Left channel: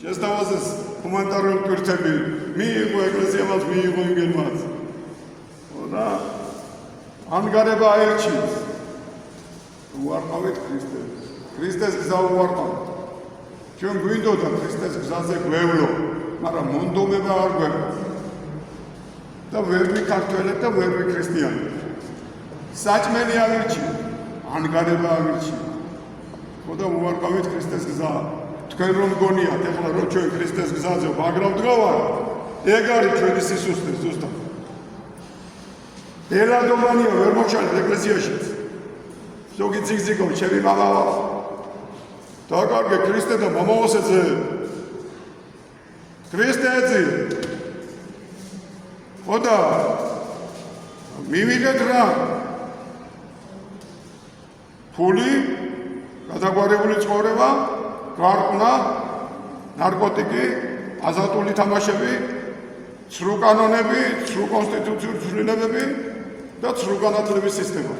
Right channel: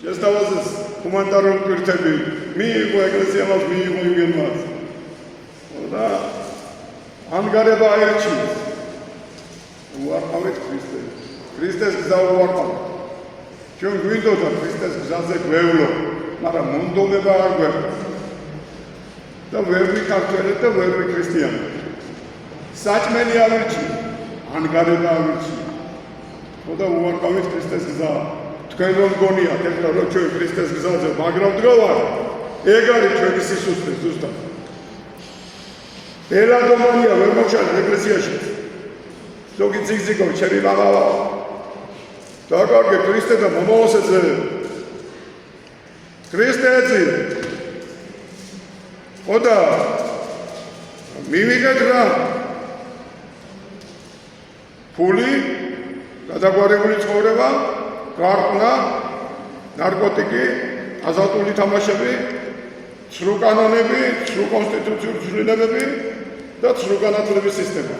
შესთავაზეს ჰუმანიტარული პირთები, მიიღო ეკლესიამაც, მიიღო იმგენმაც. და ანგარება აერჩიეს. უარყავით ქრისტეს. ქრისტეს გზა უარყავით. ჩვენ გვინდოდა ქრისტეს გზაზე გვევლო, მაგრამ მონდომება არ გვეყვა. და ვერ ვიქართველეთ და ვერ ვიქრისტიანობთ. საჭმელი ავირჩიეთ, ანგარება ავირჩიეთ. და უარყავით ქრისტეს გზა. თქვენ რომ გონიათ, ეხლა რომ ჩვენ ქრისტეს გზაზე მაგრამ დგავარ, ეგ არის ჩვენი სისუსტე ზუსტად. ელადომანია ვერ მოჩვენე ეკლესიაში. ზოგი ციგზიგო ჩემი მამავა. დაკარგე ქრისტე და მომავალსეზე. ქრისტეცი. ოდა მივიგეთ რა. ფული, გადაგვარებული ცხოვრება, გარკვნა, ნარკოტიკი, აზატული თამაშები, ცრუ კანონები, ცრუ კონსტიტუციური ცვლილებები და ცრუ განათლების სისტემა.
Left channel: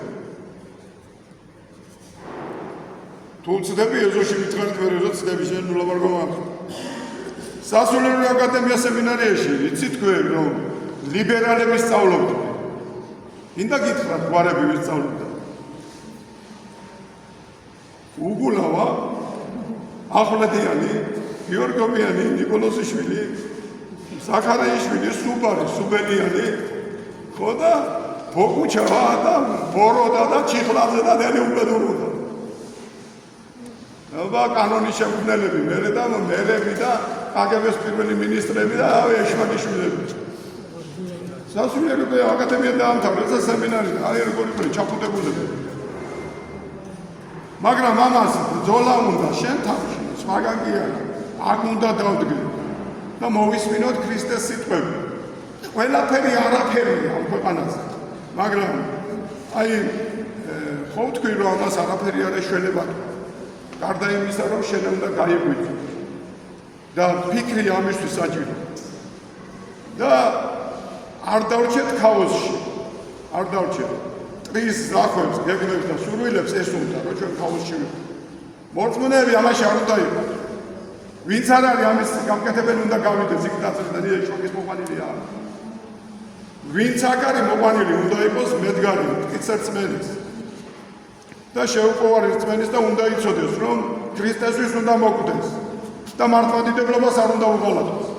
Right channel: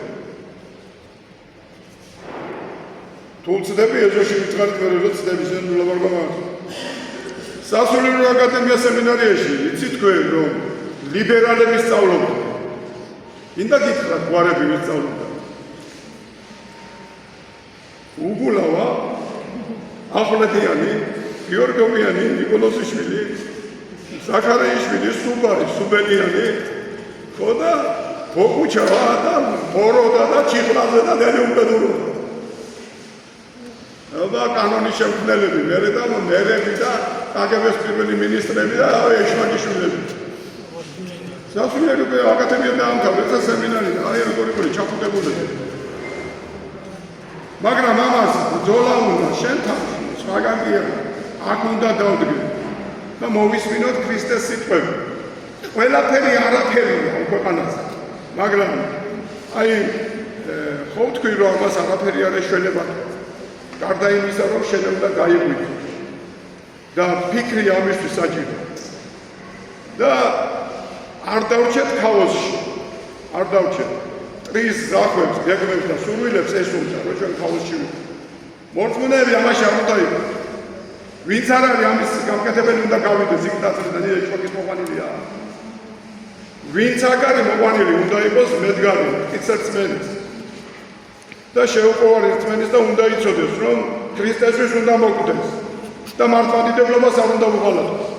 თუ ვწდები ეზოში ვიწყარით ვერ ვწდები შენობარ გომარ. სასულიერო აკადემია სემინარიაში ვიცი თქვენ რომ ლიბერალები სწავლობენ. ინდა გითხრათ გვარები ვინ სწავლობდა. უგულავა, ახვლედიანი, გიორგოვიანი, ნიკოლოზიშვილი, ზაქარიაშვილი, სუბარი, სუბელიანი, ხო და ბოკუჩავა და ბოროდა და ჩიხლაძე და დელი უბედუროდა. აბა კანონის შემქმნელები, მერე და მერები და კგბ-ს პირველი მინისტრები და ეშმაკიშვილები. სასულიერო აკადემია დაამთავრა და სემინარი და აი როგორი ჩაფუტებული. მაგრამ ამას ბრძოლა უნდა შენ თავში, სხვაგან კი არა. აქ უნდა დავდგე და მოვისმინოთ ქრისტეს სიტყვები. ყველაფერი არაფერია ქვეყანაზე. მაგრამ აი ხო ვთქვი რომ ამას არაფერი არ ეშველება. გარდა იმისა რომ შენ უნდა გაიღვიძო. და ფიქრი ამისთვის საჭირო. და არ დავჭეთ ქაოსში. არ დავჭეთ. ტრის ზახვებს, გეგმებს და სურვილებს ეს უნდა რომ ჩვენ ქაოსში ვიყოთ. მორწმუნეები ამაში არ უნდა იყოს. ვინც არ არის ამის გამკეთებელი უნდა გავიდეს იქ დაწესდა ეშმაკის მოყვანილია. ვინც აქ არის მოყვანილი უნდა იყოს მედგარი, მტკიცერწმენის. და შეუყვარ რწმენის და უნდა იცოდეს რომ ქრისტესთვის უნდა მოკვდეს და მართლმადიდებლობას არ უნდა უღალატოს.